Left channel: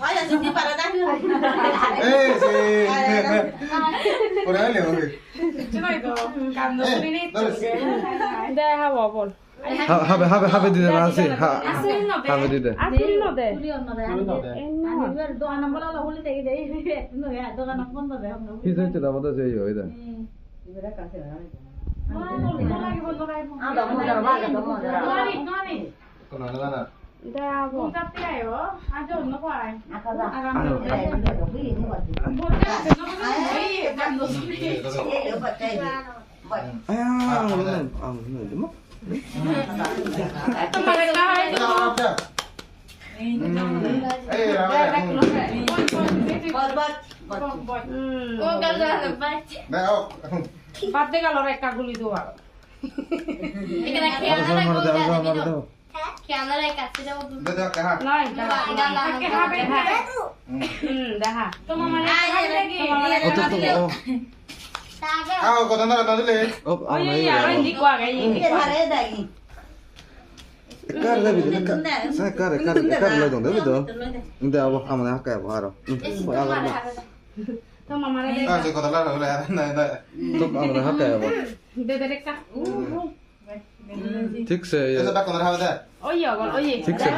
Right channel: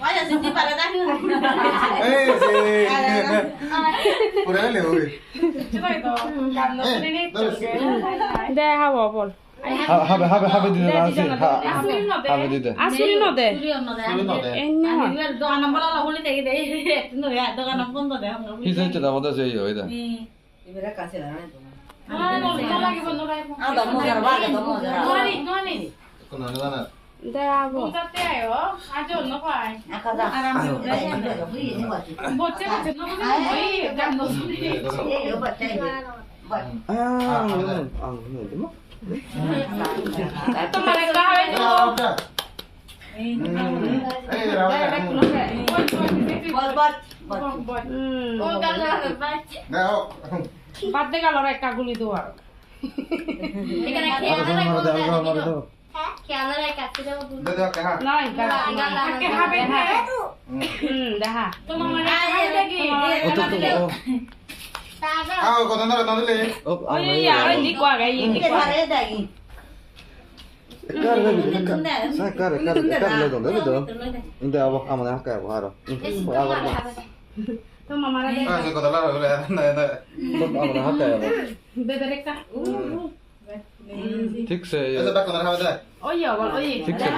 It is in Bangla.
Vaya, si te para dar. Sí. Por ahí le voy. দেখা বল হাবে দিতে না আছে হাবে দিতে আসুরি নদে Doa nombor la huli te de. No ya, doa nombor no de. হিসে হচ্ছে তার মধ্যে সেই ওইটা Ibera cancelar. Anda, mo ya va, que tomo ya. Con nada nada. দেখা বল Acá. Aram yo fui ni wa. Yo batai. বাদে গেল একটা গুলি দেওয়া নাই দেখা Kota nada dile. oye ahora indico a gay Kar le dong itu. Inte apa amane hakka ya haro. তো মামারা দে Ah, kota la la na. তো amane hakka ya. দে দে একটা ঠিক সে Esa pa con nada. oye বল oye ঠিক সে